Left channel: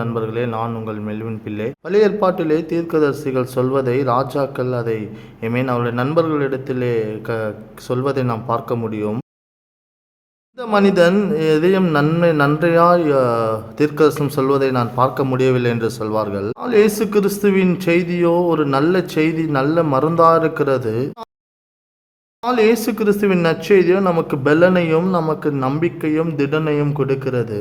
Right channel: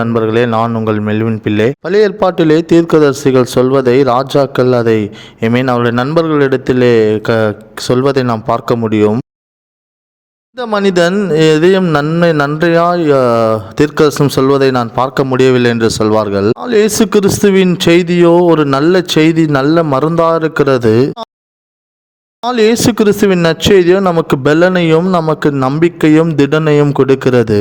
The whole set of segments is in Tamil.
நண்பர்களே, நான் உங்கள் மெல்வின் பிள்ளை. பழைய ஏற்பாட்டிலே தீர்க்கதரிசிகள் சொல்வதை ராஜாக்கள் அதை அவருடைய நண்பர்களிடத்திலே சொல்வதை நாம் பார்க்க முடியும். இந்த மனிதன் எதையும் நன்றையாய் தீர்க்கதரிசனம் சொல்வதை நான் பார்க்க முடியவில்லை என்று சொல்வார்கள். இயேசு கிறிஸ்துவின் செய்தியோ ஒரு நல்ல செய்தி, நல்ல மருந்தா இருக்கிறது. இயேசு கிறிஸ்துவின் நற்செய்தியோ நமக்கு பலனையும் நமக்கு நம்பிக்கையும் திடனையும் கொடுக்கிறது.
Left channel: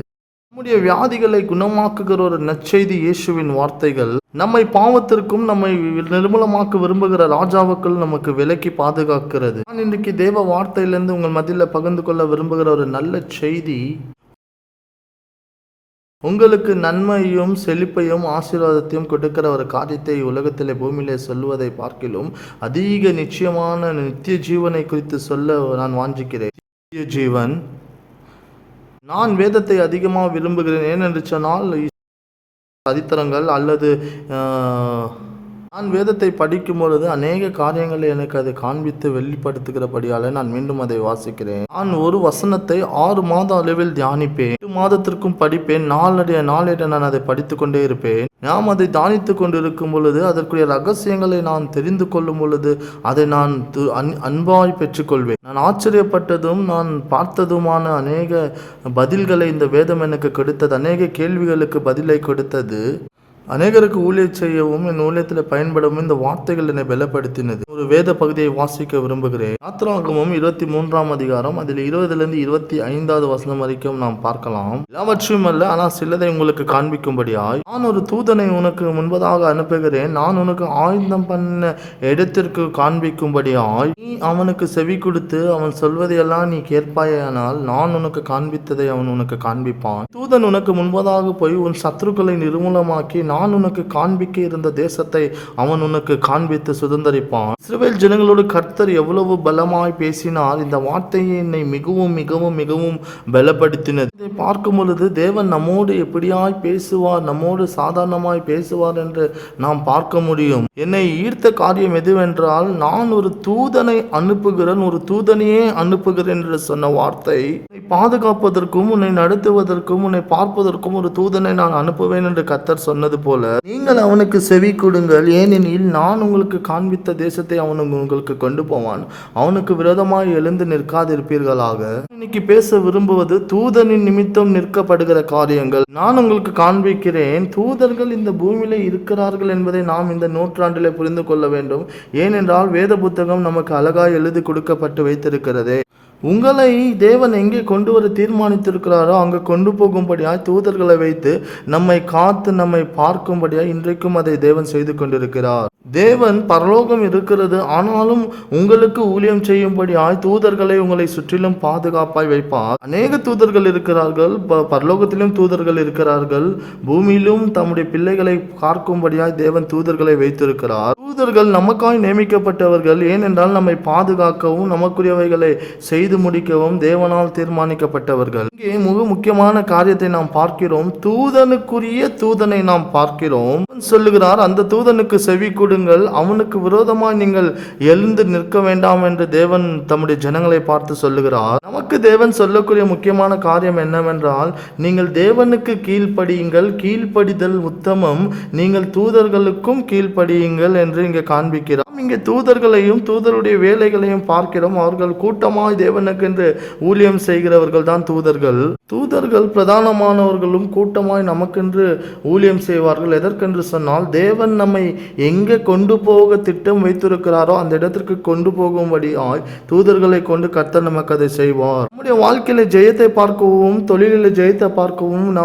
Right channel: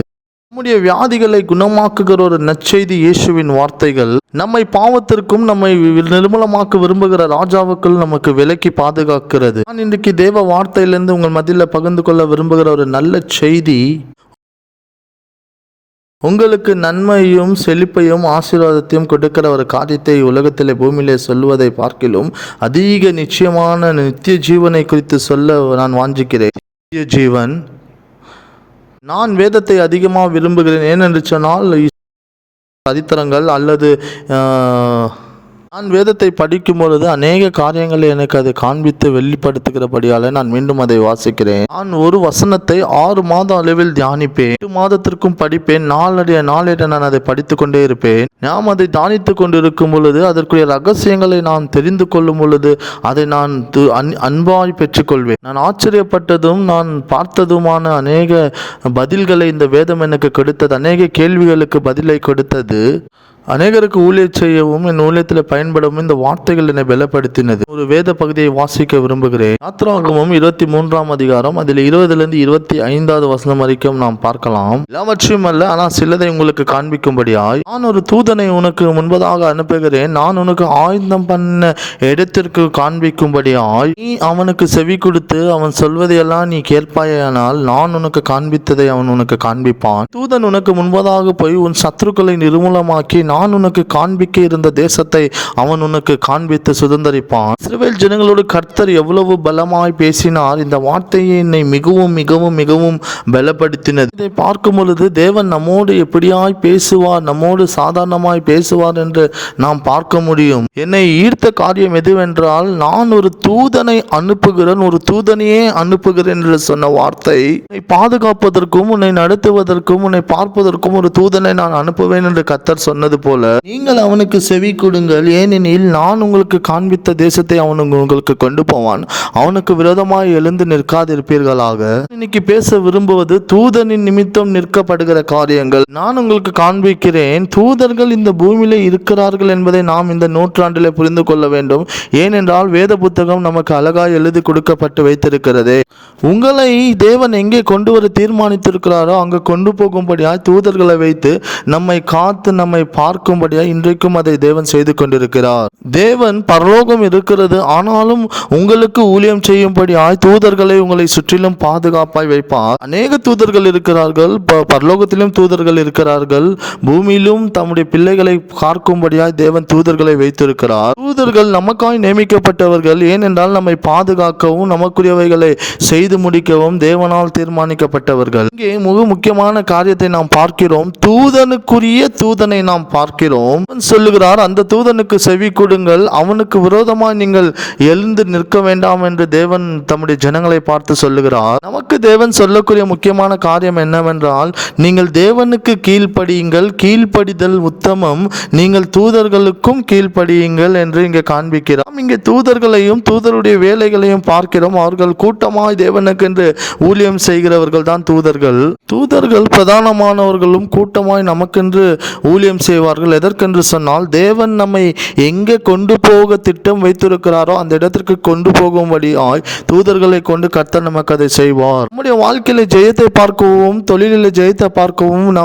நம்முடைய வியாதிகளை குணமாக்குகிற ஒரு நற்செய்தி இயேசுவின் வார்த்தைகள் நம்மை பாவத்திற்கும் நம்மை நிர்மூலமாக்க விரும்புகிற ராஜாவுக்குள் நமக்கு விலக்கி பாதுகாக்கிறது. நான் இன்றைக்கு தேவ வார்த்தையிலிருந்து உங்கள் மத்தியில் பகிர்ந்து கொள்ள விரும்புகிற ஒரு நல்ல செய்தி உங்களுக்கு நன்மையும் செழிப்பையும் ஆசீர்வாதத்தையும் கொடுக்கிற ஒரு காரியத்தை உலகத்திலே பூமியிலே சொல்வதை பார்க்கிலும் அதிக நிச்சயமான நித்திய ஜீவனை குறித்து சொல்ல நான் வாஞ்சிக்கிறேன். நித்திய ஜீவன். நான் வேதத்தை அதிகமாக விரும்புகிறேன். ஏனென்று சொன்னால் சரித்திரங்கள் அல்லது நான் வேதத்தை படிக்கும் பொழுது அநேக காரியங்களை எனக்கு அதை காண்பித்து வெளிப்படுத்துகிறபடியால் நான் மீண்டும் அதை வாசிக்கிறேன். நான் ஒரு வசனத்தை 6 மாத அளவில் தியானிப்பேன். 8 மாதத்திற்கும் படிப்பேன். நாளடைய நான் அதை படித்து கொண்டே இருப்பேன். நாம் அதை தியானித்து கொண்டு இருக்கும் பொழுது அதற்குரிய ரகசியங்களை நான் தெரிந்து கொள்ளும் பொழுது அதை நான் அன்பாய் பெற்றுக்கொள்வேன். நான் ஆச்சரியப்பட்டதும் நான் பார்த்ததுமான அநேக பதில்களை இந்த வேதம் எனக்கு கொடுத்தது. அநேக கேள்விகளுக்கு பதிலை கொடுத்தது. அநேகருக்கு ஊழியம் செய்யவும் என் ஊழியத்தில் பயன்படவும் இந்த வார்த்தைகள் என்னை பலப்படுத்தினது. ஒரு வேத பகுதியை வாசிக்க விரும்புகிறேன். யாத்திராகமம் 23ஆம் அதிகாரம் அதில் 20லிருந்து 25வது வசனம் வரைக்கும் நாம் பார்க்கலாம். எல்லாவற்றையும் அல்ல, ஆனால் சிலதை உங்களுக்கு காண்பிக்கும்படியாய் நான் ஒரு தூதனை உனக்கு முன்பதாக அனுப்புகிறேன். நான் உனக்கு ஆயுதம் பண்ண இடத்திற்கு காண்பிக்கும்படியாய் நீ அவனுக்கு செவி கொடுத்து அவன் சொல்வதையெல்லாம் நீ கேட்பாயானால் நான் உனக்கு காண்பித்ததை அவன் உனக்கு காண்பிப்பான். தூதன் உனக்கு முன்பதாக போய் உன் சத்துருக்களை நிர்மூலமாக்கி நான் உனக்கு காண்பிக்க இருந்த தேசத்தை அவன் உனக்கு காண்பித்து சுதந்தரிப்பான். இஸ்ரவேல் ஜனங்களோடு கர்த்தர் எவ்வளவு பலமாய் பேசினார். இந்த வார்த்தையை என்னை மிகவும் மிகவும் மிகவும் பலப்படுத்தினது. இதை பார்க்கும் பொழுது தேவன் நம்மோடு எப்படியாய் பேசுவார், நம்மோடு சாதாரணமாய் பேசுவார் என்று நாம் பார்க்க முடியும். என்னை ஈர்த்த காரியம் எதுவென்றால், நான் ஒரு தூதனை அனுப்புகிறேன், ஒரு தூதனையே அனுப்புகிறேன் என்று சொன்ன வார்த்தை, உன்னை பாதுகாப்பதற்கும் உன்னை நடத்துவதற்கும் உன்னை பார்ப்பதற்கும் ஒரு தூதனை நான் அனுப்புவேன் என்று கர்த்தர் சொன்னது போல நீங்கள் அவனுக்கு செவி கொடுங்கள். ஏனெனில் நான் உங்களுக்கு காண்பித்த தேசத்தை அவன் உங்களுக்கு கொண்டு போவான். அவனுக்கு விரோதமாய் எழுந்து நிற்காதிருப்பீர்களாக. இன்னைக்கு பேச விரும்புவது தூதனின் நிமித்தம் நிற்கப்படுகிற காரியங்கள். நான் உங்களுக்கு காண்பிக்கிறேன். தூதர்கள் இந்த பூமியில இருக்கிறார்கள் என்பதை நாம் இந்த நூற்றாண்டிலே புரிந்து கொள்ள வேண்டும். ஏனென்றால் வேத புத்தகம் நமக்கு அழகாய் எழுதி கொடுக்கப்பட்டு வைத்திருக்கிறது. உங்களை தேவன் எங்கே கொண்டு வர தீர்மானித்திருக்கிறாரோ அங்கு கொண்டு போகும்படியாய் தூதர்களை வைத்து நம்மை காத்து நம்மை பார்க்கும்படியாய் இன்றைக்கும் அதை தேவன் செய்து கொண்டிருக்கிறார். தேவன் பரலோகம் இருக்கிறது, ஆனாலும் உங்களுக்கு ஊழியம் செய்யும்படியாய் தூதர்களை உங்களை சுற்றிலும் பாதுகாப்பாய் வைப்பார். அநேக தூதர்கள் இருக்கிறார்கள். பரலோகத்திலும் தூதர்கள் இருக்கிறார்கள். பூமியிலும் தம்முடைய பிள்ளைகளை காக்கும்படியாய் தேவன் தூதர்களை வைத்திருக்கிறார். தூதர்கள் நமக்காய் நியமிக்கப்பட்டவர்கள். ஏனென்றால் நம்மை பாதுகாக்கவும் நமக்குரியவைகளை செய்து முடிக்கவும் தேவனால் தீர்மானிக்கப்பட்டவர்கள். இங்கே மிக முக்கியமான காரியத்தை நாம் பார்க்கிறோம். தூதனுக்குரிய தூதனை நாம் பார்க்கிறோம். சொல்லுகிறார், அந்த தூதனுக்கு செவி கொடுங்கள், அவனுக்கு விரோதமாக நீங்கள் எழுந்து நிற்க வேண்டாம் என்று தேவன் தம்முடைய ஜனங்களை பார்த்து சொல்லுகிறார். நமக்கு தேவன் சொல்லக்கூடிய முக்கியமான காரியம் என்னவென்றால், நீங்கள் தேவனுக்கு கீழ்ப்படியுங்கள், கீழ்ப்படிதல் உத்தமம், நீங்கள் தூதர்களுக்கும் கீழ்ப்படியுங்கள் என்று இங்கே காண்பிக்கிறார். இங்கே தூதர்களையும் தூதருடைய வேலைகளையும் பார்க்கிறோம். அவர்கள் கூட்டமாய் தேவனுக்கு என்று ஊழியம் செய்கிறவர்கள் தான் தூதர்கள். தூதர்கள் பிரதானமானவர்களும் கூட்டமாய் நமக்கென்று ஊழியம் செய்வார்கள். எதற்கென்று சொன்னால், தேவன் நம்மை எங்கே கொண்டு போக திட்டம் வைத்திருக்கிறாரோ அந்த இடத்திற்கு கொண்டு போகும்படியாய் தூதர்களை கொண்டு கர்த்தர் நமக்கு அதை செய்வார். நம்முடைய வாழ்க்கையில ஜெயத்தை பார்க்கவும் தொழிலில் ஜெயத்தை பார்க்கவும்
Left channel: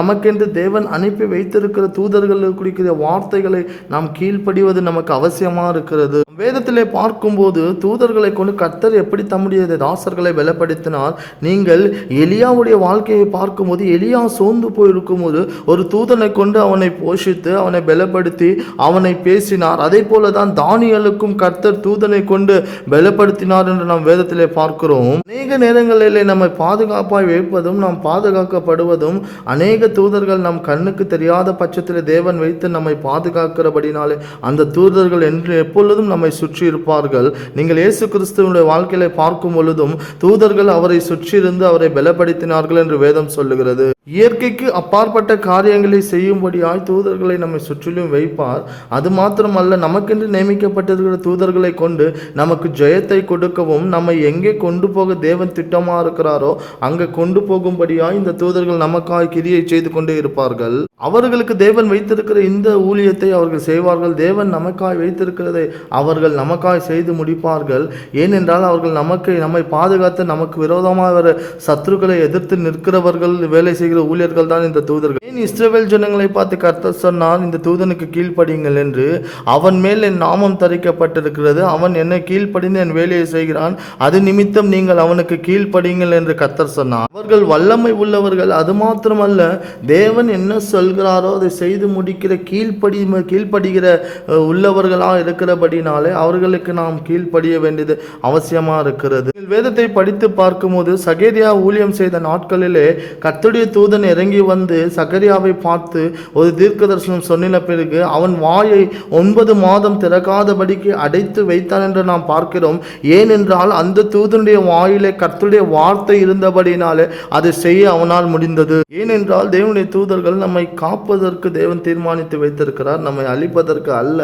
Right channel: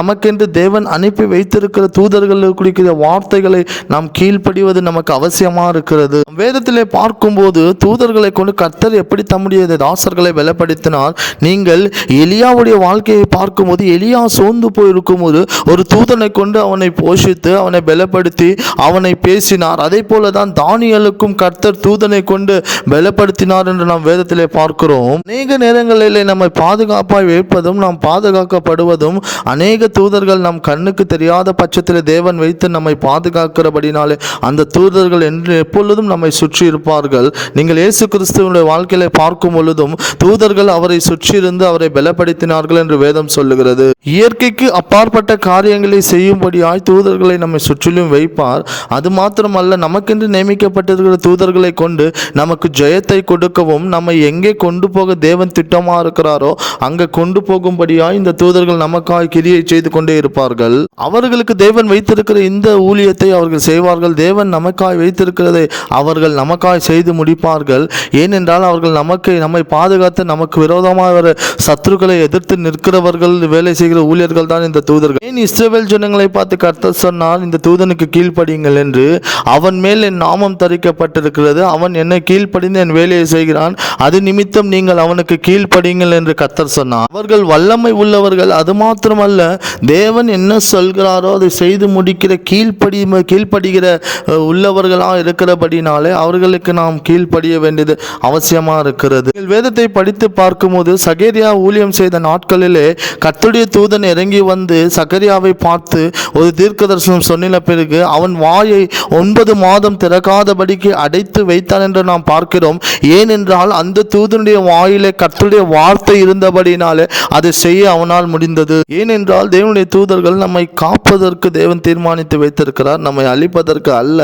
நமக்கென்று தேவன் அனுப்பி வைத்திருக்கிற தூதர்களுக்கு குறிக்கிற வார்த்தைகளை நாம் கீழ்ப்படிவது நமக்கு அவசியமா இருக்கிறது. வேதத்திலே பார்க்கும்போது தூதர்களை கொண்டு கர்த்தர் எப்படி தம்முடைய தாசர்களை பலப்படுத்தினார். நீங்கள் எலியாவுடைய வாழ்க்கையை பார்க்கும்போது, எலியா சோர்ந்து போயிருக்கும் போது ஒரு தூதனை கொண்டு அவனை போஷித்து அவனை பலப்படுத்தி அவனை பேசினார். அதே போலதான் தானியேலுக்கும் கர்த்தர் தூதனை கொண்டு பலப்படுத்தினார் என்று நாம் வேதத்திலே பார்க்கிறோம். அநேக நேரங்களிலே நம்மை பாதுகாப்பாய் வைப்பதும் நாம் பாதுகாக்கப்படுவதும் அநேக தூதர்கள் நம் கண்ணுக்கு தெரியாத பட்சத்தில் தேவன் வைத்து நம்மை பாதுகாக்கிறபடினாலே அந்த தூதர்கள் என்று எப்பொழுதும் நம்மை நம்மை சுற்றி இருப்பார்கள். நீங்கள் இயேசு கிறிஸ்துவினுடைய வாழ்க்கையில பார்க்கும் பொழுதும் தூதர்கள் அவரை சுற்றியிருந்து அவரை பலப்படுத்தினார்கள் என்று வேதம் சொல்லுகிறது. இயற்கைக்கு அப்பாற்பட்ட காரியங்களை செய்யும்படியாய் தூதர்களை நம்மை சுற்றிலும் வைப்பார். அது மாத்திரமல்ல, நமக்கென்று நியமிக்கப்பட்டிருக்கிற தூதர்களை கொண்டு நமக்கு ஜெயத்தை கொடுக்கவும், நம்மை எங்கே கொண்டு போக தேவன் திட்டமா இருக்கிறாரோ அங்கே கொண்டு போகும்படியாய் இந்த தூதர்கள் நமக்காய் கிரியை செய்து கொண்டே இருப்பார்கள். அவர்களுக்கு தேவன் வைத்திருக்கிற இந்த ஊழியத்தை அவர்கள் செய்வார்கள். தேவன் நமக்காய் வைத்திருக்கிறதை அவர்கள் நமக்காய் செய்து முடிப்பார்கள். ஏனென்றால் அவர்கள் நம்மை பாதுகாத்து நமக்கு விரோதமாக சத்துருக்களை எதிர்த்து நிற்கிறவர்கள், வேலை செய்கிற ஊழியர்கள் தான் இந்த தூதர்கள். ஏன் இஸ்ரவேல் ஜனங்களை பார்த்து கர்த்தர் சொன்னார், இந்த தூதனுக்கு கீழ்ப்படியுங்கள் என்று? அவன் மேல் என் நாமம் தரிக்கப்பட்டிருக்கிறது, அவன் என்னை கீழ்ப்படிந்து என் வேலையை செய்கிறான், அது நிமித்தம் நீங்கள் அவனுக்கு கீழ்ப்படியுங்கள் என்று கர்த்தர் சொன்னார். அவர்கள் வல்லமை உள்ளவர்கள். அது மாத்திரமல்ல, தேவன் என்ன சொல்கிறாரோ அதை செய்து முடிக்கிற கீழ்ப்படுகிற உள்ளவர்களாக இருக்கிறபடினாலே அவர்களுக்கு நாம் கீழ்ப்படிய வேண்டியது அவசியமாக இருக்கிறது. வேதத்தை படித்து பார்க்கும்போது சகரியா ஊழியம் செய்த நாட்களிலே கர்த்தருடைய தூதன் இறங்கி வந்து சகரியாவை பார்த்து ஒரு தீர்க்க தரிசனம் சொன்ன பிறகு அவன் வாயை 9 மாதம் திறக்காதபடிக்கு அடைத்து வைத்தான் என்று நாம் பார்க்கிறோம். ஏனென்றால் அந்த தூதனுடைய வாயிலே கர்த்தருடைய வார்த்தை இருந்தபடினாலே அதை செய்ய அவனால் முடிந்தது. ஏனென்றால் தேவனுடைய தூதர்கள் நம்மை காப்பதற்கு தேவன் தீர்மானித்து வைத்திருக்கிறார், நம்மை அழிப்பதற்கு அல்ல.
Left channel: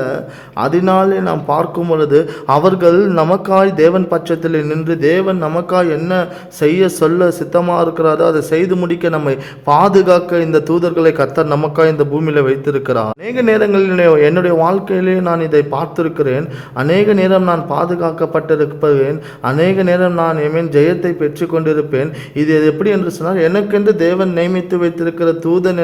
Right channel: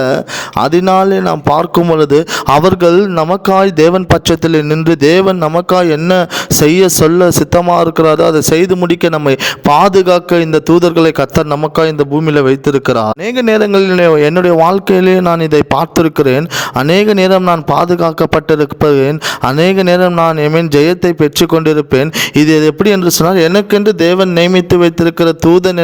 அதனாலே நாம் பார்க்கும் பொழுது அவர்கள் நமக்காய் தேவன் பட்சத்தில் நின்று தேவன் நமக்காய் என்ன செய்ய சொல்ல சித்தமாக இருக்கிறாரோ அதை செய்து முடிக்க நம்மை பாதுகாக்க இந்த தூதர்களை கர்த்தர் நமக்காய் இந்த பூமியில் வைத்திருக்கிறார். அநேக நேரங்களில் என்னுடைய வாழ்க்கையிலே நான் இதை பார்த்திருக்கிறேன். அநேக நேரம் நான் பாதுகாக்கப்பட்டிருப்பேன். அநேக நேரம் நான் ஜெயத்தை பெற்று கொண்டிருப்பேன். இது எப்படி என்று சொன்னால், எனக்கென்று தேவன் நியமித்து வைத்திருக்கிற தூதன்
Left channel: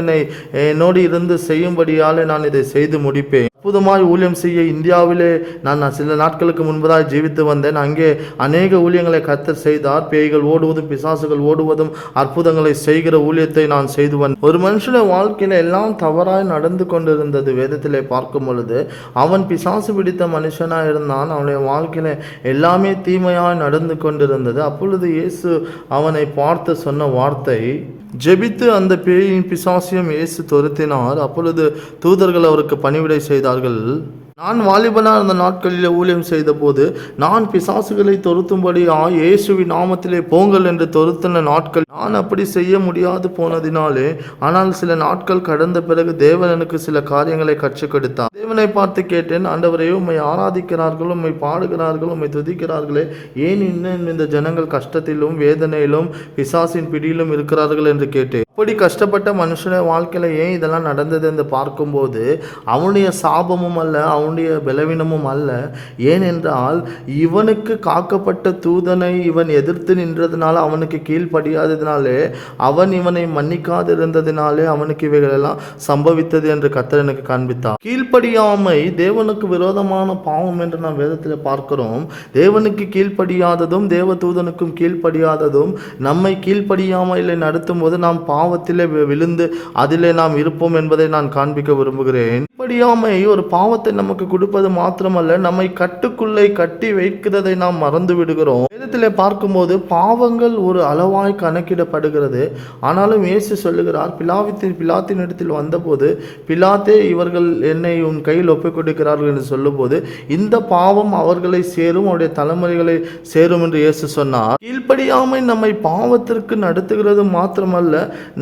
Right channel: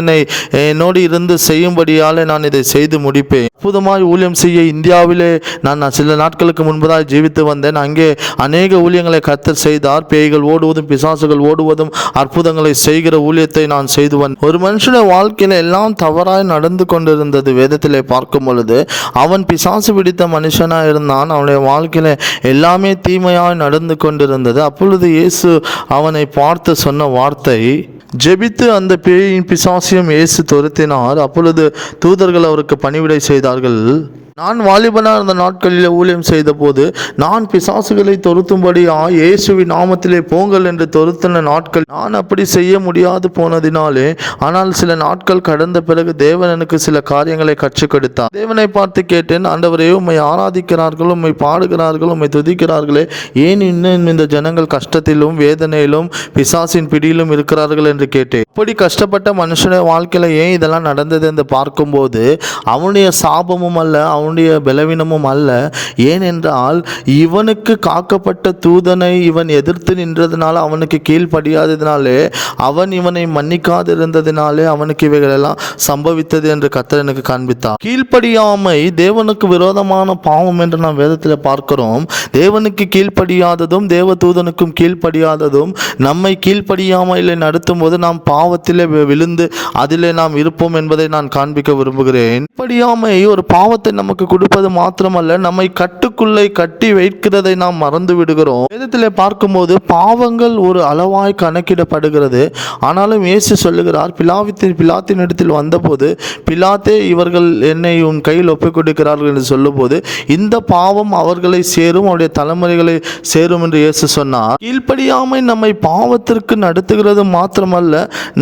என்னோடு இருந்து செய்யும்படியால் நான் இதை செய்து முடிப்பேன். அற்புதமாய் ஊழியம் செய்ய இந்தியாவிலே நான் சில நாட்களுக்கு முன்பதாக ஜீவித்து வந்தேன். அங்கே அநேக ஊழியங்களை கர்த்தர் செய்தார். பேய்கள் ஓடுவதும் பிசாசுகள் ஓடுவதும் அற்புதங்களை செய்கிற ஊழியத்தை நான் செய்து வந்தேன். ஒரு மனுஷனுடைய வாழ்க்கையில எல்லாம் தவறாய் நடந்து கொண்டிருந்தது. வேதத்திலே பார்க்கும் பொழுது அவன் பிசாசு பிடித்த மனுஷனாக இருந்தான். அவனுடைய வாழ்க்கையில எல்லாமே தீமையாய் நடந்து கொண்டிருந்தது. அப்பொழுது இயேசு அவனை பார்த்து சொன்ன வார்த்தை, ஜெபித்து அந்த பேயின் பிசாசியம் இயேசு துரத்தினார். அப்பொழுது தூதர்கள் அவருக்கு பணிவிடை செய்தார்கள். நான் வாலிபனாக இருந்த நாட்களில் ஊழியம் செய்த போது நான் பிசாசுகளை தொருத்தும்படி இயேசுவின் நாமத்திலே போங்கள் என்று தொருத்தின நாட்கள் நான் அப்படி செய்ய முடியாது போனதினாலே. ஆனால் சில நாட்கள் கடந்த பிறகு தேவன் எனக்கு சில காரியங்களை கற்றுக் கொடுத்தார். தேவனை பார்த்து கேட்டேன், ஆண்டவரே, உம்மை ஆராதிக்கிறார்கள், உம்மை பாடுகிறார்கள், உம்மை துதிக்கிறார்களே, ஏன் இன்னும் இந்த ஜனங்கள் கஷ்டத்திலும் வேதனையிலும் பிசாசின் பிடியிலும் இருக்கிறார்கள் என்று கேட்டேன். இப்படி கஷ்டப்பட்ட மனுஷனுடைய வாழ்க்கையில ஏன் இதெல்லாம் நடந்தது என்று பார்க்கும்போது அவனுடைய சாபமும் அல்ல, அவனுடைய பலவீனமும் அல்ல. ஏனென்றால் இவனுக்கு காக்கப்பட்ட தூதனை இவன் எதிர்த்து நின்றதுனால, அவனுக்கு கீழ்ப்படியாததினாலே, அவன் இவனை மன்னிக்காது இருந்ததினாலே அவனுக்கு இவைகளெல்லாம் சம்பவித்தது என்று கர்த்தர் எனக்கு காண்பித்தார். கீழ்ப்படியாமை தேவனுக்கு விரோதமான பாவம் என்று நாம் வேதத்தில் பார்க்கிறோம். தேவனுக்கு கீழ்ப்படியாததும் தேவ தூதனுக்கும் கீழ்ப்படியாததும் நம்மை கீழ்ப்படியாமையிலே நடத்தும் போது நாம் பாவத்திலே விழுந்து அதிலே நாம் இருப்போம் என்பதை நான் காண்பிக்க விரும்புகிறேன். கீழ்ப்படியாமை ஒரு பாவத்தை நமக்கு கொடுப்பது மாத்திரமல்ல, நம்மை கட்டுக்குள்ளே கட்டி வைக்கிறதை நாம் மறந்து விடுகிறோம். வேதத்திலே பார்க்கும்போது பாவங்கள் ஒரு அளவாய் கணக்கிடப்படுகிறது. ஆனாலும் இயேசு சொல்லுகிறார், பிலாத்தின் இடத்தில் வந்தபோது பிலாத்தே இவர்கள் என்னை உன் கையில் ஒப்புக் கொடுக்கிறார்கள் என்று சொல்லும் போது இந்த பாவம் அவர்களை சேரும், அவருடைய தலைமுறைகளை சேரும் என்று இயேசு சொன்னார். கீழ்ப்படியாமை நம்மை பாவத்திற்கு நடத்துகிறது மாத்திரமல்ல,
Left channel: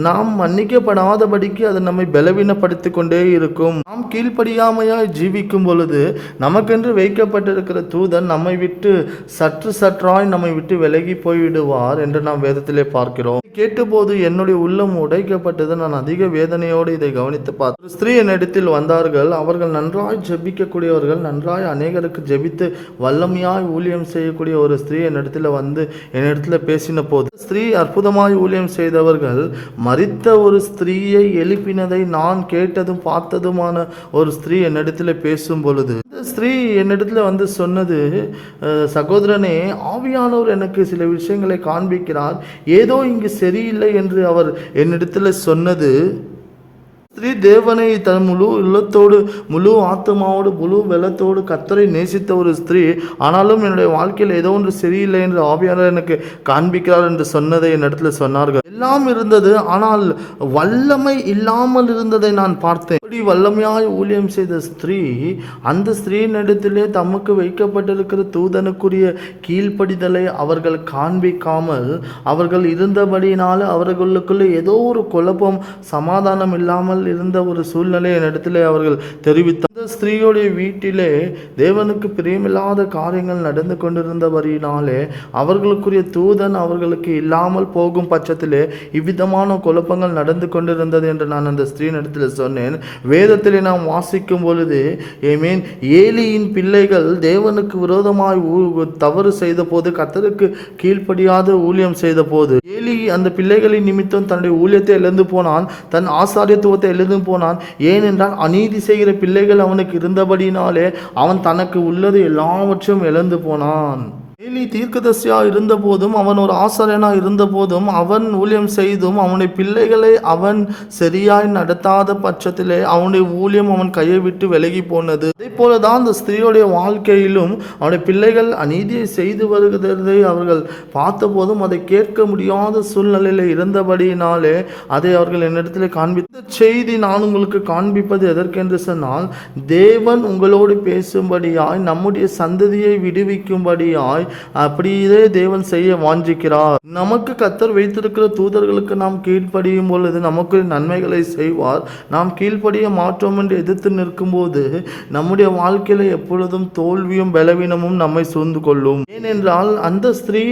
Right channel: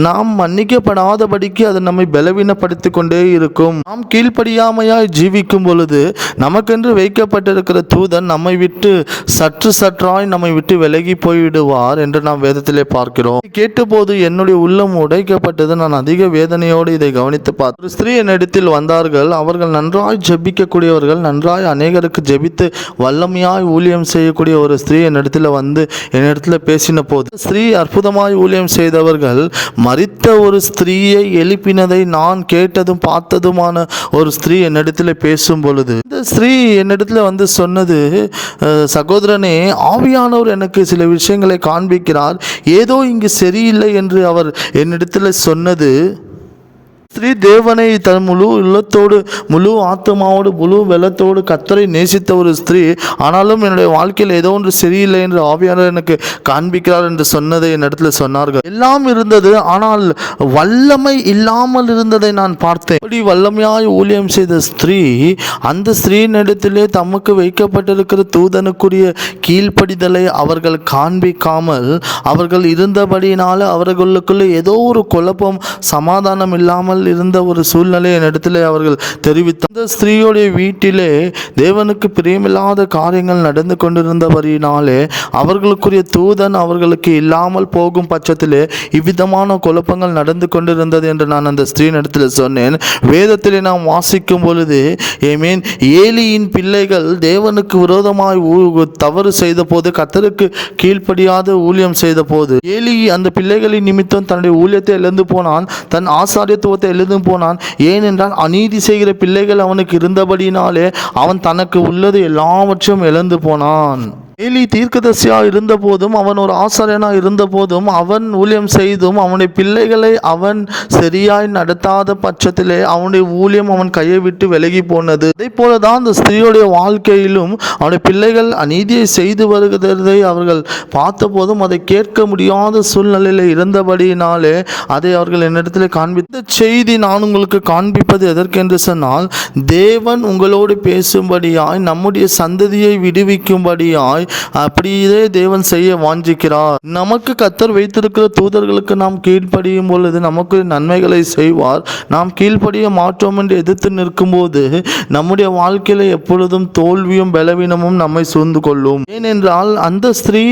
நாம் மன்னிக்கப்படாதபடிக்கு அது நம்மை பலவீனப்படுத்தி கொண்டே இருக்கும். நாம் கீழ்ப்படியாமையாய் ஜீவிக்கும் பொழுது நமக்கென்று வைக்கப்பட்டிருக்கிற தூதன் நம்மை விட்டு சற்றாய் நம்மை விட்டு விலகி போய்விடுவார் என்று நாம் வேதத்திலே பார்க்கிறோம். கேட்டபோது என்னுடைய உள்ளம் உடைக்கப்பட்டது. நான் அதிக வேதனையோடு இதை கவனித்து பார்த்தேன். ஒரு ஸ்திரீ என்னிடத்தில் வந்தார்கள். அவர்கள் நன்றாய் ஜெபிக்கக்கூடியவர்கள், நன்றாய் அநேகருக்கு ஜெபித்து வல்லமையாய் ஊழியம் செய்யக்கூடிய ஒரு ஸ்திரீ என்னிடத்தில் வந்து என்னிடத்தில் பேசின போது, ஸ்திரீ அற்புதமாய் ஊழியம் செய்தவர்கள் மரித்த ஒரு ஸ்திரீயை எழுப்பினதை நான் கேட்டதும் பார்த்ததுமான ஒரு ஸ்திரீ என்னிடத்தில் பேசும் பொழுது இந்த ஸ்திரீ என்னிடத்துல வந்து சொன்னது, சகோதரனே, ஆவியானவர் எனக்கு சில விஷயங்களை காண்பிக்கிறார், ஏதோ இங்கு சரியில்லை என்று அவர் என்னிடத்துல சொன்னது. ஸ்திரீ தேவனை தன் முழு உள்ளத்தோடு முழு ஆத்மாவோடு முழு வெள்ளத்தோடு கர்த்தரை நேசித்த ஒரு ஸ்திரீ, ஆனாலும் என்னுடைய வாழ்க்கையில் ஏதோ ஒன்று சரியில்லை என்று ஆவியானவர் எனக்கு காண்பிக்கிறார் என்று சொன்னதை என்னிடத்துல சொன்னார்கள். எல்லாம் இருந்தது, ஆனால் வல்லமை இல்லாமல் இருந்ததை நான் பார்த்தேன். இப்படி வல்லமையாய் ஊழியம் செய்த ஸ்திரீ, அந்த ஸ்திரீனிடத்திலே தமக்கு வைக்கப்பட்டிருக்கிற தூதனுக்குரிய கீழ்ப்படிதலை அவர்கள் காண்பிக்காமல் அவர்கள் இருந்தபடியினால அவர்களுக்குள்ளே ஏதோ ஒரு குழப்பம், சமாதானம் இல்லாமல் இருந்த ஒரு சூழ்நிலை என்னிடத்திலே அவர்கள் தெரிவித்தார். அந்த ஸ்திரீயுடைய வீட்டிலே தேவனுக்கு பிரியமில்லாத காரியங்கள் நடந்து கொண்டிருந்தபடினாலே அவர்களுக்குரிய தூதன் அவர்களுக்கு இல்லாமல் போகும் பட்சத்திலே இவ்விதமான குழப்பங்கள் நடந்து கொண்டிருந்தது என்று நான் அந்த ஸ்திரீனிடத்தில் சொன்னேன். வேதத்திலே நாம் வாசிக்கும் பொழுது ஏலியின் பிள்ளைகள் தேவனுக்கு விரோதமாய் தவறு செய்த போது, கர்த்தருக்கு கீழ்ப்படியாத ஊழியம் செய்த போது, ஏலி அந்த பிள்ளைகளின் நிமித்தம் தன்னுடைய ஊழியத்தை இழந்து போனான், தன் ஆசாரியத்துவத்தை எழுந்து போனான். ஏனென்றால் அநீதி செய்கிற பிள்ளைகள் அவனுக்கு இருந்தபடினாலே அவன் தனக்கு உள்ளது எல்லாவற்றையும் இழந்து போனான். ஏலி தீர்க்கதரிசியா இருந்த போதும், அவன் ஒரு ஆசாரியனா இருந்த போதும், அவன் ஊழியம் செய்தும் அவனுடைய பிள்ளைகளை அவன் சரியாய் நடத்தாத பட்சத்திலே அவனுடைய ஊழியம் அவன் கையை விட்டு விலகி போனது. அதே போலதான் அந்த ஸ்திரீயுடைய வாழ்க்கையிலும் அவனுடைய பிள்ளைகள் அநீதியை செய்து வருகிறதை அவர்கள் பார்த்த போதும் அதை கேட்க முடியாத சூழ்நிலையில் இருந்தபடியினாலே அதை அவர்கள் என்னிடத்தில் காண்பித்த செய்தி நான் உங்களுக்கு காண்பிப்பது எதற்கென்று சொன்னால், தேவன் உங்களோடு பேசும்படியாய், நம்முடைய சந்ததியை விடுவிக்கும்படியாய் அப்படியே தேவன் செய்ய வாஞ்சிக்கிறார். நமக்கு கர்த்தர் வைத்திருக்கிற தூதர்களுக்கு நாம் கீழ்ப்படியும் பொழுது நமக்கு நன்மைகளை செய்வார். நாம் கீழ்ப்படிய மாற்றோம் என்று எதிர்த்து நிற்கும் போது நம்முடைய வாழ்க்கையில எப்பொழுதும் தோல்வியும் பலவீனமும் நம்மை சூழ்ந்து கொள்ளும். ஏனென்றால் அந்த ஸ்திரீ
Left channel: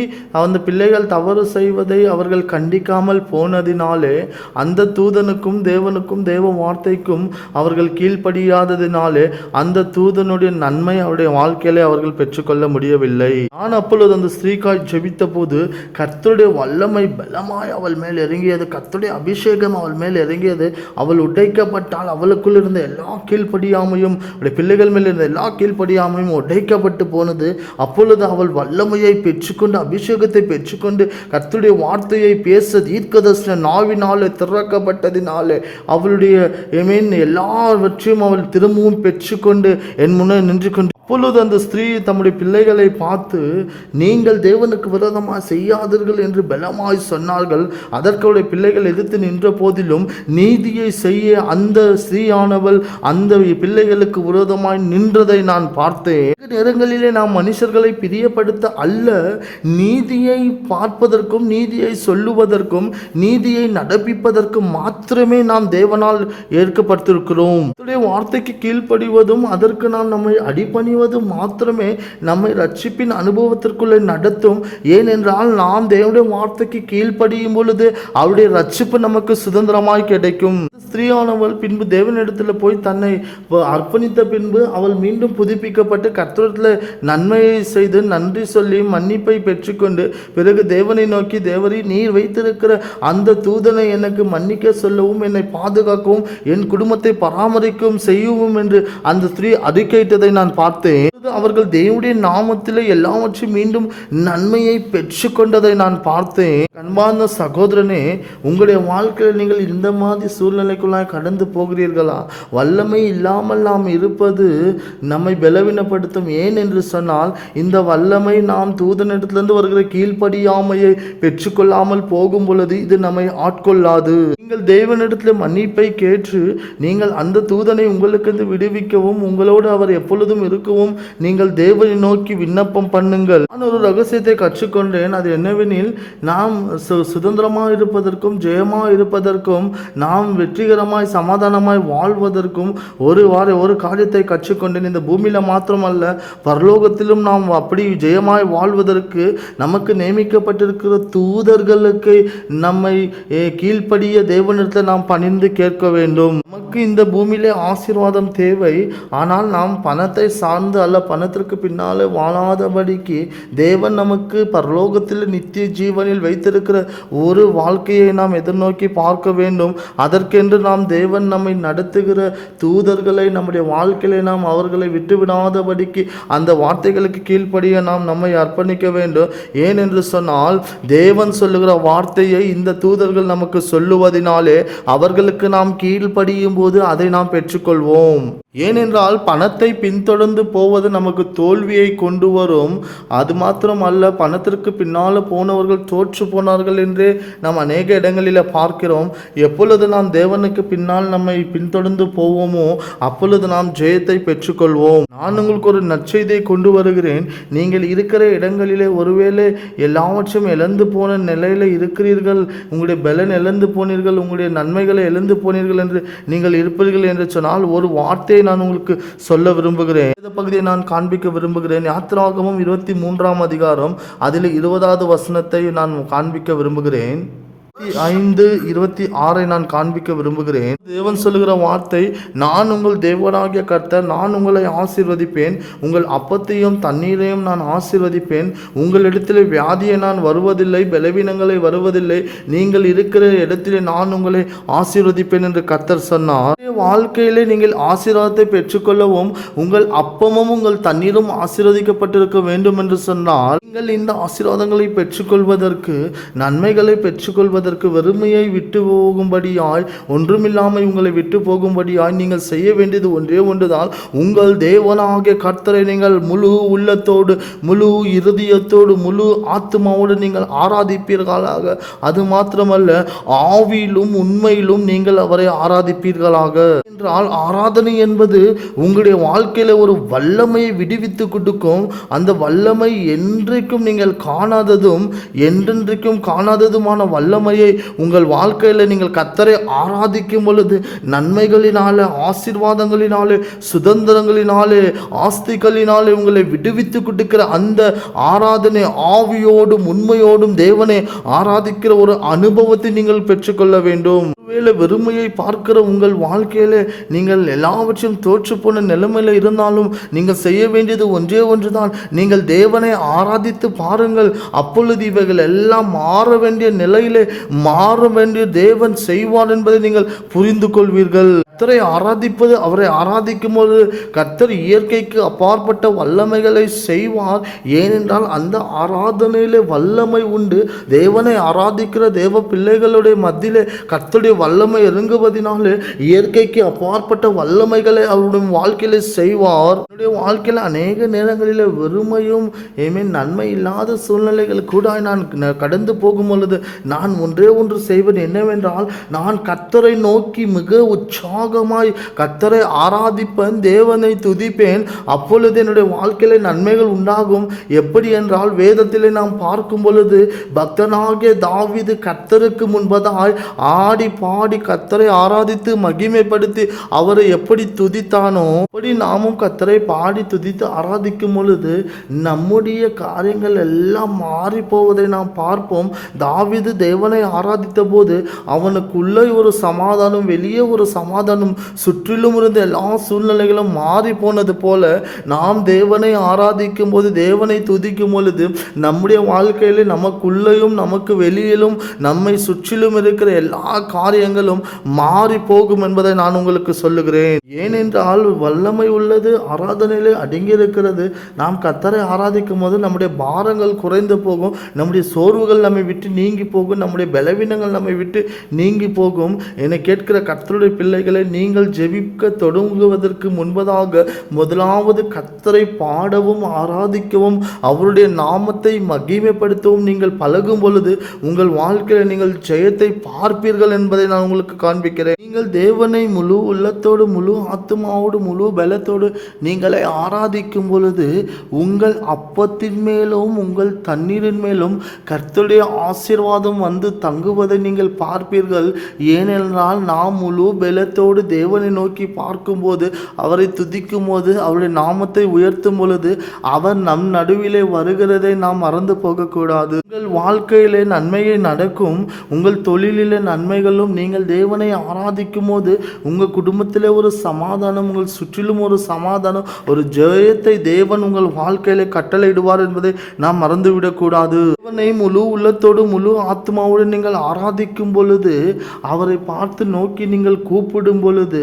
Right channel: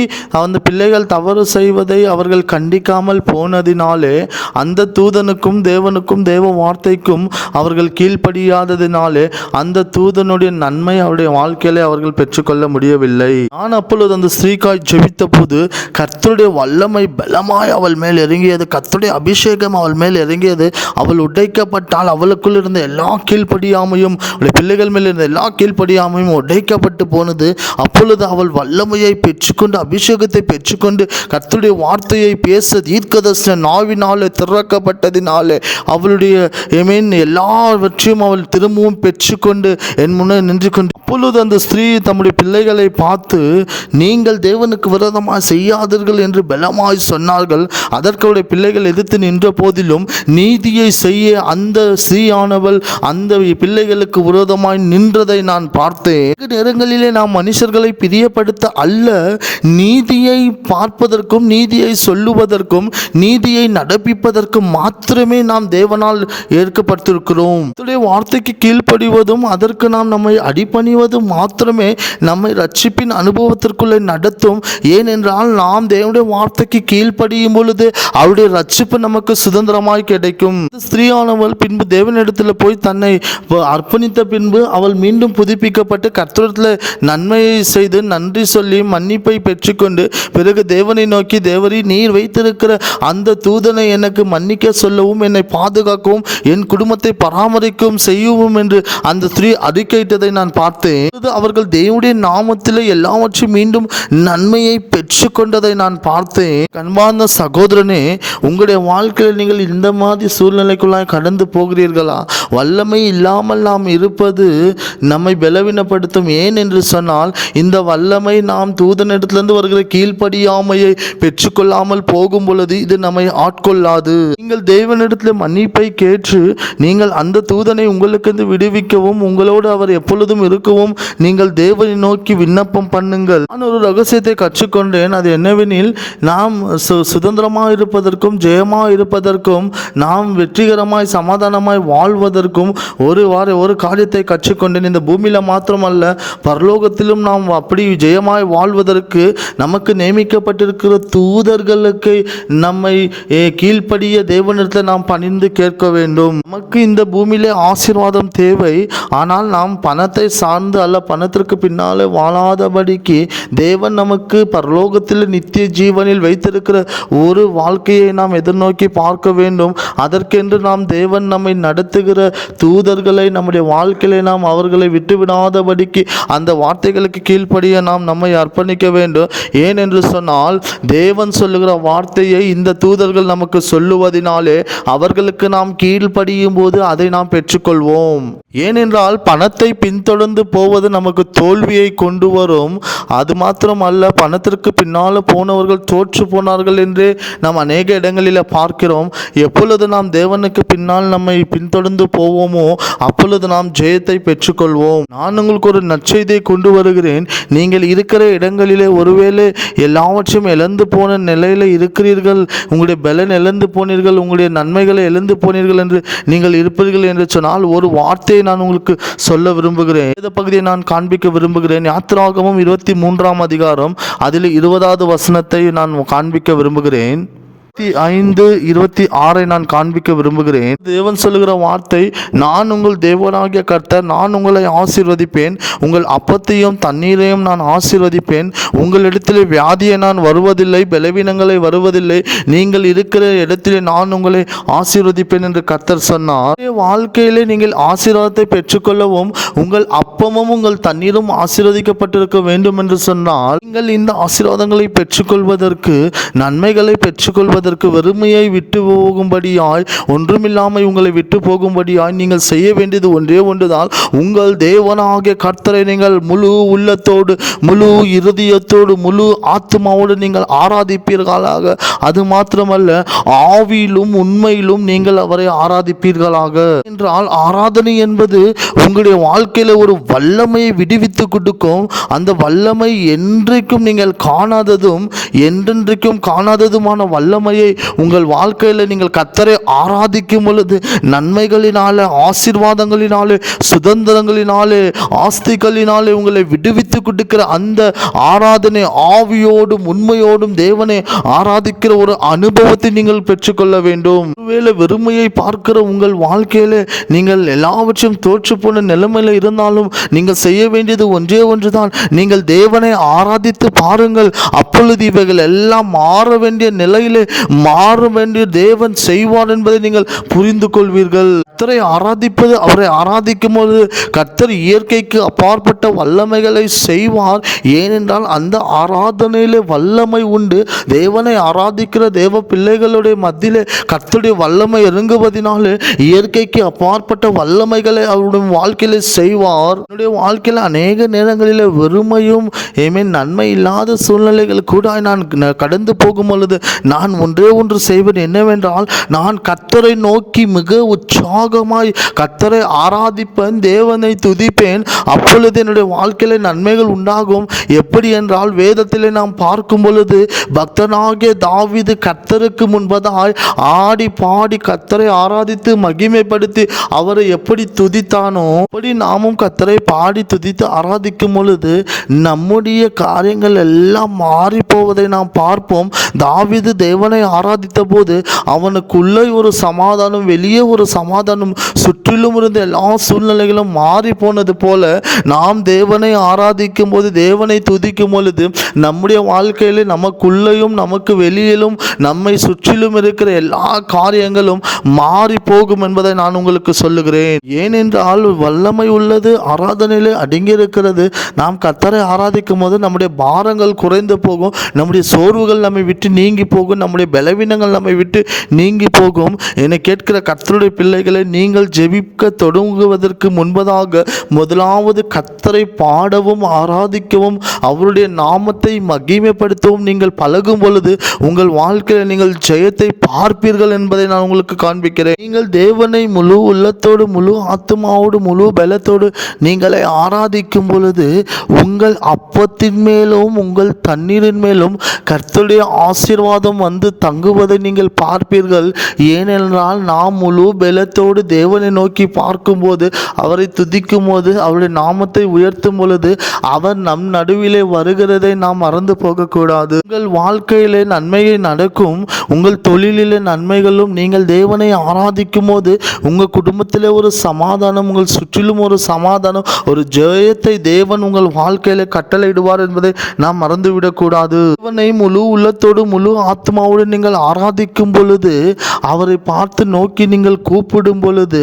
அந்த பிள்ளைகள் தவறு செய்வதை அவர்கள் கண்டிக்காமல் போனதினாலே, அந்த தூதனுக்கும் தேவனுக்கும் தேவ வார்த்தைக்கும் அவர்கள் கீழ்ப்படியாததினாலே அந்த தூதனுடைய நன்மை அவருடைய வாழ்க்கையிலே அவர்கள் பெற்றுக்கொள்ள முடியவில்லை. நான் அப்பொழுது அந்த ஸ்திரீக்காய் ஜெபித்த போது கர்த்தருடைய வல்லமை பலமாய் அவள் மேல் இறங்கியது. கர்த்தருடைய அபிஷேகம் அவள் மேல் இறங்கியது. அவள் உடைக்கப்பட்டால் அவளுக்குள் இருந்த எல்லா கீழ்ப்படியாமையும், அவளுடைய பிள்ளைகள் மேல் இருந்த எல்லா கீழ்ப்படியாமையும் உடைக்கப்பட்டு போனது. அப்பொழுது அவள் வல்லமையை பெற்றுக்கொண்டு, அபிஷேகத்தை பெற்றுக்கொண்டு, கர்த்தருடைய வார்த்தையை பேச தீர்க்கதரிசன நாவினாலே திறக்கப்பட்டதினாலே அவளுடைய எல்லாவற்றையும் அவள் திரும்பவும் பெற்றுக்கொண்டு என் முன்னே நின்று கொண்டு, அப்பொழுது அந்த ஸ்திரீ தம்முடைய பிள்ளைகளை பார்த்து, நீங்கள் தேவனுக்கு விரோதமாக செய்யாதீர்கள் என்று பலமாய் சொன்னார்கள். அதற்கு அவருடைய பிள்ளைகள் எதிர்த்து நின்ற போதிலும் நீதியை செய்ய அந்த ஸ்திரீயானவள் அந்த பிள்ளைகளுக்கு விரோதமாய் நின்றதை நான் பார்த்தேன். நேரங்களிலே நாம் மனுஷர்களை பிரியப்படுத்த அல்ல, நீதியை பார்ப்பதற்கும் நீதியை சொல்லுவதற்கும் நீதியை நடப்பிப்பதற்கும் மாத்திரமே நாம் தேவனால் ஏற்கப்பட்டிருக்கிறோம். வார்த்தைக்கு கீழ்ப்படிவதும் அதற்கு நாம் நம்மை அடிபணிவதும் மாத்திரமே நம்மை ரட்சிப்பின் அனுபவத்திற்குள்ளே நடத்தும். ஏனென்றால் நாம் தேவனுடைய வார்த்தைக்கு கீழ்ப்படியும் பொழுது அவருடைய ரட்சிப்பு நமக்கு சுதந்திரமாய் கிடைக்கும். ஸ்திரீயானவள் பின்பு தேவனிடத்தில் போய் தன்னை அர்ப்பணித்த பின்பு அவள் மீண்டும் புதுப்பிக்கப்பட்டு கர்த்தரிடத்தில் நன்மையை செய்து நன்றி சொல்லி மன்னிப்பை பெற்றுக்கொண்டு பிறகு தேவனை நோக்கி, தேவரீ, நீர் வைத்திருக்கிற அந்த தூதனை எனக்கு மன்னிக்க சொல்லவும், என்னை பாதுகாக்கவும், என் குடும்பத்தை பராமரிக்கவும் செய்யவும் என்று அந்த ஸ்திரீ அறிக்கையிட்டதை நான் பார்த்தேன். அவர்கள் தேவனுடைய நாமத்தில் எல்லாவற்றையும் மீண்டும் நன்மையை பெற்றுக்கொண்டதை நான் பார்த்தேன். கண்பார்ந்த சகோதரனே, உங்களுடைய வாழ்க்கையில் நீங்கள் இந்த மாதிரி சூழ்நிலைக்குள்ளாய் கடந்து போகிறீர்களா? வல்லமை இல்லாமல் நாம் இருப்பது நம்மை பலவீனப்படுத்தும். ஏன் என்று சொன்னால், இந்த வல்லமை நாம் தூதனிடத்திலிருந்து வருகிற கீழ்ப்படியாமையை பெற்றுக்கொள்ளாமல் போகும் பொழுது இது நம்மை ஆட்கொள்ளாது. நீங்கள் தேவனிடத்தில் மன்னிப்பை கேட்டு நீங்கள் அந்த தூதனை உங்களுக்கு விடுவிக்கவும், உங்களோடு அவர் எப்பொழுதும் இருக்கவும் நீங்கள் தேவனை நோக்கி விண்ணப்பம் பண்ணுங்கள். நான் ஒரு ரகசியத்தை கற்றுக்கொண்டேன். அது என்னவெனில், நாம் சுதந்திரமாக இருப்பதற்கும் ஜெயமாக இருப்பதற்கும் நாம் வெற்றிகரமாய் சமாதானமாய் வாழ்வதற்கும் ஒரு காரியத்தை கற்றுக்கொண்டேன். இந்த பூமியில மாத்திரமல்ல, பரலோகத்திலும் நாம் அப்படி ஜெயமாய் வாழ்வதற்கு நமக்கு நியமிக்கப்பட்டிருக்கிற தூதர்களுக்கு நம்மை கீழ்ப்படிய தேவனிடத்தில் நாம் பணிந்து கேட்க வேண்டும். நமக்கு இந்த பூமியிலே ஆசீர்வாதம் தேவை. ஆனால் நாம் பணத்தை சார்ந்து அல்ல, பணத்திற்கு பின்னாலே வாழாதபடிக்கு தேவன் நமக்கு பரலோகத்தில் நித்திய ஜீவனில் வைத்திருக்கிற ஒரு வாழ்க்கையை நாம் எதிர்நோக்கி பார்க்க வேண்டும். அதற்கென்று நாம் தேவன் நம்மை நடத்துகிற தூதர்களை நம்முடைய வாழ்க்கையிலே நாம் அவர்களை விட்டுவிடாதபடிக்கு அந்த வார்த்தைகளுக்கு கீழ்ப்படிய நாம் நம்மை அர்ப்பணிக்க வேண்டும். ஏனென்று சொன்னால் தேவன் சொல்லுகிற வார்த்தையை இந்த தூதர்கள் நமக்கு சொல்லுவதினாலே அவர்களுக்கு நாம் கீழ்ப்படியும் போது அதை நாம் பெற்றுக்கொள்வோம். ஏனென்றால் பணத்தை பின்தொடர்ந்து போவது நமக்கு தோல்வியை கொண்டு வரும். அது மாத்திரம் அல்ல, பணத்திற்கு பின்னால் போனவர்கள் தோற்று போனார்கள் என்று நாம் அநேக இடங்களில் பார்க்கிறோம். எப்பொழுது நாம் தேவனுக்கு பின்னால் நம்மை பின்தொடர்ந்து போவோமோ அப்பொழுது நாம் ஜெயத்தை பெற்றுக்கொள்வோம். நான் உங்களுக்கு ஒரு நற்செய்தியை கொண்டு வருகிறேன். நீங்கள் இருக்கிற இடங்களிலே ஒருவேளை எல்லாவற்றையும் இழந்து போன நிலையில் இருக்கிறீர்கள், உங்களுடைய பலன் இழந்து போனீர்கள், உங்களுடைய நன்மைகளை இழந்து போனீர்கள் என்று நீங்கள் இருப்பீர்கள் என்று சொன்னால் ஒரு வார்த்தையை நான் உங்களுக்கு சொல்ல விரும்புகிறேன். இந்த பகுதியை நான் காண்பிக்க விரும்புகிறேன். யாத்திராகமம் 23 அதிகாரம் அதில் 20வது வசனத்தை நான் காண்பிக்க விரும்புகிறேன். 5:26 நான் காண்பிக்க விரும்புகிறேன். தேவன் சொல்லுகிற வார்த்தை, நான் உங்கள் தேவனாகிய கர்த்தர், நான் உங்களை ஆசீர்வதிப்பேன், உங்கள் அப்பத்தையும் தண்ணீரையும் நான் ஆசீர்வதிப்பேன், உங்களிடத்திலே வியாதியை நான் வருவதில்லை, பலவீனங்களை வருவதில்லை, நீங்கள் இருக்கிற இடத்திலே நான் உங்களை ஆசீர்வதிப்பேன் என்று கர்த்தர் சொன்னார். வாழ்க்கையிலே நீங்கள் ஆசீர்வாதத்தை பெற்றுக்கொள்ளவும் உங்கள் அப்பமும் உங்கள் தண்ணீரும் ஆசீர்வதிக்கப்பட்டிருக்க வேண்டும் என்று சொன்னால், நீங்கள் இந்த ஆசீர்வாதங்களை பெற்றுக்கொள்வதற்கு, நன்மைகளை பெற்றுக்கொள்வதற்கு, வெறுமையை விட்டு போகும்படியாய், ஒன்றுமில்லாமல் உங்களை விட்டு போகும்படியாய் நீங்கள் செய்ய வேண்டியது ஒன்றே ஒன்றுதான். உங்கள் தேவனாகிய கர்த்தரை நீங்கள் முழு உள்ளத்தோடு, முழு இருதயத்தோடு, முழு ஆத்மாவோடு நீங்கள் ஆராதிப்பீர்களாக. அது மாத்திரமல்ல, ஆவியிலும் உண்மையிலும் நீங்கள் அவரை ஆராதிப்பீர்களாக. என்றால் ஆராதனை என்பது உங்களுடைய வாழ்க்கையில ஒரு வல்லமையை விடுவித்து கொடுக்கும். அந்த வல்லமை என்றைக்கும் நீங்கள் காணாததும் என்றென்றைக்கும் காணாததுமான வல்லமையை உங்கள் வாழ்க்கையில் நீங்கள் கர்த்தரை ஆராதிக்கும் பொழுது நன்மைகளினாலே, ஆசீர்வாதங்களினாலே, சுதந்திரங்களினாலே, ஆஸ்திகளினாலே உங்களை விடுவித்து கொடுக்கிற அந்த ஆராதனை, ஆவியோடும் உண்மையோடும் தேவனை ஆராதிக்கிற ஒரு அனுபவத்தை நீங்கள் பெற்றுக்கொள்ள வேண்டும். ஒருவேளை வெறுமையை பார்க்கிற உங்கள் வாழ்க்கையில நீங்கள் எல்லாவற்றையும் தோற்று போன நிலைமையில இருந்தாலும் நீங்கள் செய்ய வேண்டியது ஒன்றே ஒன்றுதான். நீங்கள் தேவனை ஆராதித்து பாருங்கள். அப்பொழுது இவைகள் எல்லாம் மாற வேண்டிய நிலையிலே மாற வேண்டிய தேவன் செய்வார் என்பதை நீங்கள் புரிந்து கொள்வீர்கள். கர்த்தரை ஆராதிப்பது, அவரை ஆராதிக்கும் போது கர்த்தர் இயற்கைக்கு அப்பாற்பட்ட வல்லமைகளை செய்வார். ஏனென்றால் அந்த ஆராதனையிலே வல்லமை உண்டு. தேவனை ஆராதிக்கிற தேவ பிள்ளைகளுடைய மத்தியிலே கர்த்தருடைய வல்லமை இறங்குவதனாலே இயற்கைக்கு அப்பாற்பட்ட வல்லமைகளை அவருடைய வாழ்க்கையில செய்வார். என்னுடைய வாழ்க்கையில் அநேக நேரங்களில் வெறுமையும் நன்மை இல்லாத சூழ்நிலைகள் கூட நான் கடந்து போகும் பொழுது நான் ஒன்றே ஒன்று செய்வது என்னவென்றால், நான் கர்த்தரை நோக்கி மிக உற்சாகமாய் கர்த்தரை ஆராதிப்பேன், தேவனை துதிப்பேன். அப்பொழுது என்னுடைய வாழ்க்கையில நன்மைகள் உண்டாகும். எப்படி என்றால், வேதத்திலே நாம் பார்க்கும் பொழுது பக்தனாகிய தாவீது கர்த்தருக்கு முன்பதாய் ஆடி பாடி கர்த்தரை ஆராதித்து மகிமைப்படுத்தி அவரை எப்படி துதித்தானோ அப்படி நாமும் கர்த்தரை பாடி துதித்து ஆராதிக்கும் பொழுது நம்முடைய காரியங்கள் எல்லாம் மாறி போவதை நாம் பார்ப்போம். தாவீது தேவனை ஆராதித்த போது அவனுக்குள்ளே ஒரு சமாதானம், வெளியே ஒரு சமாதானம், சுற்றிலும் இருந்த எல்லா சூழ்நிலைகளும் மாறி போனது போல நாம் தேவனை ஆராதிக்கும் போது, தேவனை துதிக்கும் பொழுது நம்முடைய வாழ்க்கையில நமக்குள்ளேயும் நமக்கு வெளியிலும் நம்மை சுற்றிலும் இருக்கிற எல்லா காரியங்களும் மாறி போகும் என்பதை நான் உங்களுக்கு சொல்லுகிறேன். ஏனென்றால் வல்லமை உள்ளது ஆராதனையிலே அடங்கி இருக்கிறது. நாம் கர்த்தரை ஆராதிக்கும் போது நம்முடைய பாரங்கள் குறைந்து போகும், நம்முடைய சோர்வுகள் நம்மை விட்டு நீங்கி போகும், நம்முடைய பலவீனங்கள் நம்மை விட்டு நீங்கி போகும். என்னை கேட்கிற கர்த்தருடைய பிள்ளைகளை, நீங்கள் ஜெபிக்க தொடங்குவதற்கு முன்பதாக முதலாவது கர்த்தரை பாடவும் ஆராதிக்கவும் அவருடைய நாமத்தை மகிமைப்படுத்தவும் நீங்கள் பழகும் பொழுது உங்கள் வாழ்க்கையில் நீங்கள் ஜெயத்தை பார்ப்பீர்கள் என்பதை நான் உங்களுக்கு காண்பிக்கிறேன். நீங்கள் தேவனை முழு உள்ளத்தோடு, முழு ஆத்மாவோடு, முழு பலத்தோடு நீங்களை ஆராதிக்கும் பொழுது உங்கள் அப்பத்தின் மேலும் உங்கள் தண்ணீரின் மேலும் கர்த்தருடைய ஆசீர்வாதம் வந்து தங்குவதை நீங்கள் பார்ப்பீர்கள். ஏனென்றால் நாம் முழு பலத்தோடு நம்பிக்கையோடு தேவனை நோக்கி பார்க்கும்போது, அவரை துதிக்கும் போது, அவருடைய நாமத்தை உயர்த்தும் பொழுது, அவர் நம் நடுவிலே வருகிறதை நாம் மறந்து போகக்கூடாது. உங்கள் வாழ்க்கையிலே நன்மையை நடக்கும், உங்கள் தொழிலிலே நன்மைகளும், நீங்கள் தேவனை ஆராதிக்கும் போது உங்கள் குடும்பத்திலே ஒரு சமாதானம், உங்கள் சுற்றிலும் ஒரு சமாதானம், ஒரு ஜெயத்தை தேவன் உங்கள் வாழ்க்கையில கட்டளையிடுவார் என்பதை நாம் மறந்துவிடக்கூடாது. தேவனை முழு உள்ளத்தோடு முழு ஆத்மாவோடு நீங்கள் ஆராதிக்கும் பொழுது, அவரை பார்த்து நோக்கி நீங்கள் கூப்பிடும் பொழுது,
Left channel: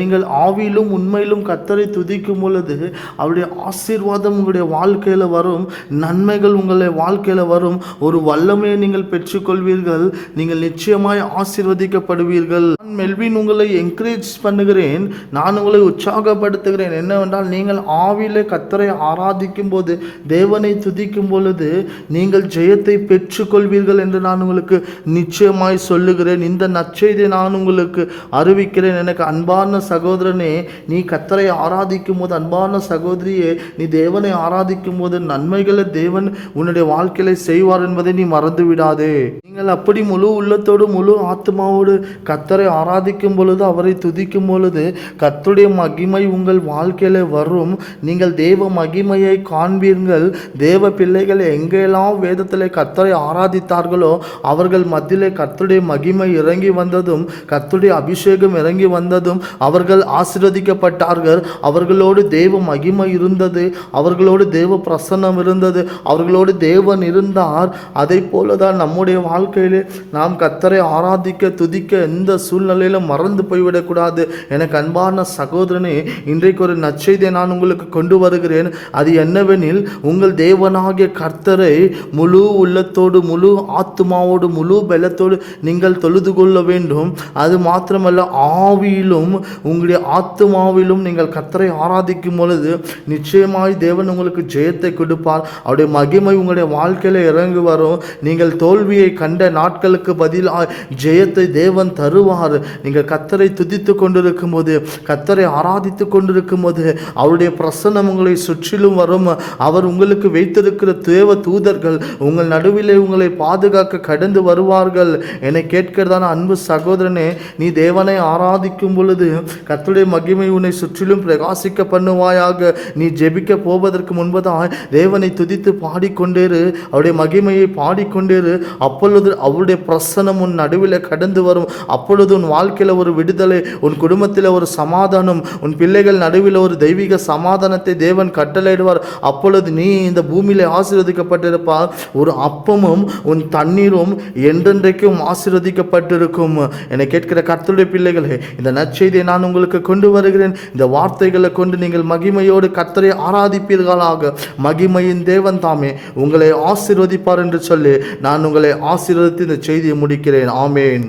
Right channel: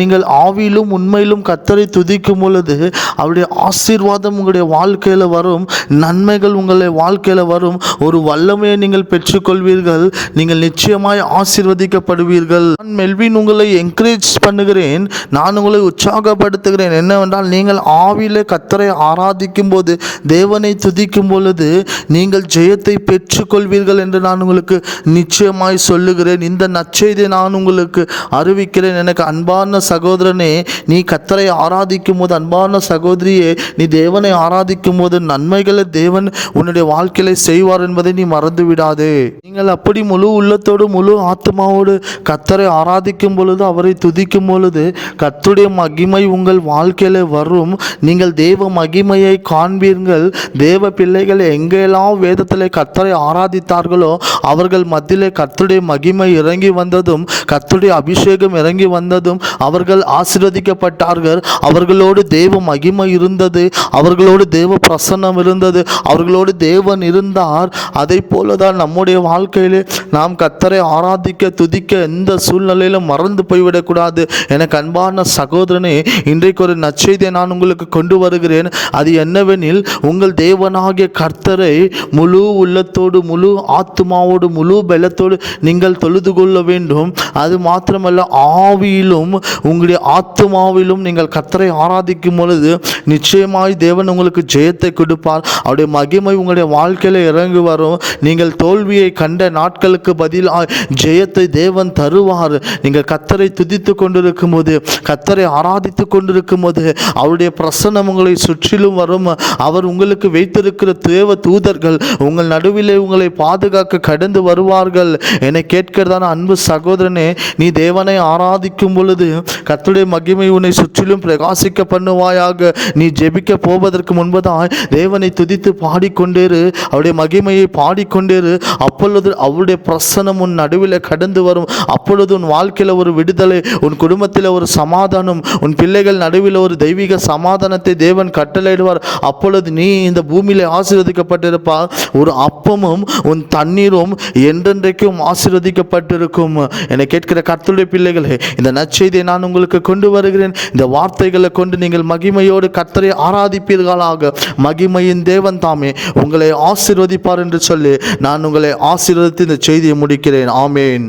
நீங்கள் ஆவியிலும் உண்மையிலும் கர்த்தரை துதிக்கும் பொழுது, அவருடைய ஆசீர்வாதம் உங்களுடைய வாழ்க்கையில வரும், நன்மைகள் உங்களுடைய வாழ்க்கையில வரும், ஒரு வல்லமையை நீங்கள் பெற்றுக்கொள்வீர்கள், நீங்கள் நிச்சயமாய் ஆசீர்வதிக்கப்படுவீர்கள். நான் மெல்வின் உங்களை என்கரேஜ் பண்ணுகிறேன், நான் உங்களை உற்சாகப்படுத்துகிறேன். என்னவென்றால், நீங்கள் ஆவியிலே கர்த்தரை ஆராதிக்கும் போது, தேவனை துதிக்கும் பொழுது நீங்கள் ஜெயத்தை பெற்றுக்கொள்வீர்கள் என்று நான் உங்களுக்கு நிச்சயமாய் சொல்லுகிறேன். இந்த நற்செய்தியை நான் உங்களுக்கு அறிவிக்கிறேன். எனக்கு அன்பான சகோதரனே, நீ கர்த்தரை ஆராதிக்கும் போது, அன்பான சகோதரியே, நீ தேவனை ஆராதிக்கும் போது நன்மைகளை தேவன் உன்னுடைய வாழ்க்கையில செய்வார் என்பதை நீ மறந்து விடாதே. நீங்கள் அப்படி முழு உள்ளத்தோடு முழு ஆத்மாவோடு கர்த்தரை ஆராதிக்கும் பொழுது, அவரை துதிக்கும் பொழுது, கர்த்தருடைய மகிமை உங்கள் வாழ்க்கையில வரும். நீங்கள் தேவ மகிமையை காண்பீர்கள். தேவ பிள்ளைகள் எங்கெல்லாம் வேதத்திலே கர்த்தரை ஆராதித்தார்களோ, அவர்கள் மத்தியிலே கர்த்தருடைய மகிமை இறங்கி வந்ததும், கர்த்தருடைய அபிஷேகம் இறங்கி வந்ததும் அவர்கள் ஆசீர்வதிக்கப்பட்டார்கள். அவர்களோடு தேவ மகிமை இருந்தது, அவர்களோடு தேவ பிரசன்னம் இருந்தது, அவர்களோடு தேவன் இருந்தார். அதை போலதான் நம்முடைய வாழ்க்கையிலே நாம் கர்த்தரை ஆராதிக்க துதிக்க எந்த சூழ்நிலையிலும் மறந்து போய்விடக்கூடாது. எனக்கு அன்பான சகோதரனே, இன்றைக்கு ஒரு நற்செய்தியை நான் உங்களுக்கு கொண்டு வருகிறேன். அது என்னவெனில், உங்கள் தேவனாகிய கர்த்தரை முழு உள்ளத்தோடு முழு ஆத்மாவோடு முழு பலத்தோடு நீங்கள் தொழுது கொள்ள வேண்டும். அது மாத்திரமல்ல, ஆவியிலும் உங்களுடைய ஆத்மாவிலும் நீங்கள் கர்த்தரை ஆராதிக்கும் பொழுது நிச்சயமாய் தேவன் உங்களுக்கு ஜெயத்தை கொடுப்பார். அவருடைய மகிமை உங்களுடைய வாழ்க்கையில இறங்கி வரும். நீங்கள் தோல்வியை கண்ட நாட்களுக்கு பதிலாக ஜெயத்தை தேவன் தருவார். நீங்கள் கர்த்தரை துதித்து கொண்டிருக்கும் போது, கர்த்தரை ஆராதித்து கொண்டிருக்கும் போது, அவருடைய பிரசன்னம் உங்களை சுற்றிலும் வரும். அவர் உங்களுக்கு வைத்திருக்கிற தேவ தூதர்கள் உங்கள் நடுவிலே உங்களை பாதுகாக்க கடந்து வருவார்கள். என்னை கேட்கிறதான அன்பு சகோதரனே, நீ தேவனை ஆராதிக்கும் பொழுது கர்த்தருடைய மகிமை உன்னை சுற்றிலும் பிரகாசிக்க பண்ணுவாயாக. நீ ஜெபிக்க போவதற்கு முன்பதாக தேவனை துதித்து பாடிக்கொண்டேரு, அவருடைய மகிமையை பாடிக்கொண்டேரு. அப்பொழுது அவருடைய பிரசன்னம் உன் நடுவில் கடந்து வரும். அப்பொழுது உன் வாழ்க்கையில் ஒரு விடுதலை, உன் குடும்பத்தில் ஒரு சமாதானம், உன் பிள்ளைகள் நடுவில் ஒரு தெய்வீக சமாதானத்தை தேவன் கட்டளையிடுவார். அப்பொழுது நீ இந்த பூமியிலே ஆசீர்வதிக்கப்பட்டிருப்பார். ஒரு அப்பமும் உன் தண்ணீரும் என்றென்றைக்கும் ஆசீர்வதிக்கப்பட்டிருக்கும். என்னை கேட்கிற கர்த்தருடைய பிள்ளைகளே, இந்த நற்செய்தியை நான் உங்களுக்கு கொண்டு வருகிறேன். இந்த வார்த்தைகளை கொண்டு நீங்கள் மகிமையோடு கர்த்தரை ஆராதிப்பீர்களாக. மகிமையின் தேவன் தாமே உங்களை ஆசீர்வதிப்பார் என்று சொல்லி நான் உங்களை ஆசீர்வதித்து இந்த செய்தியை முடிக்கிறேன். ஆமேன்.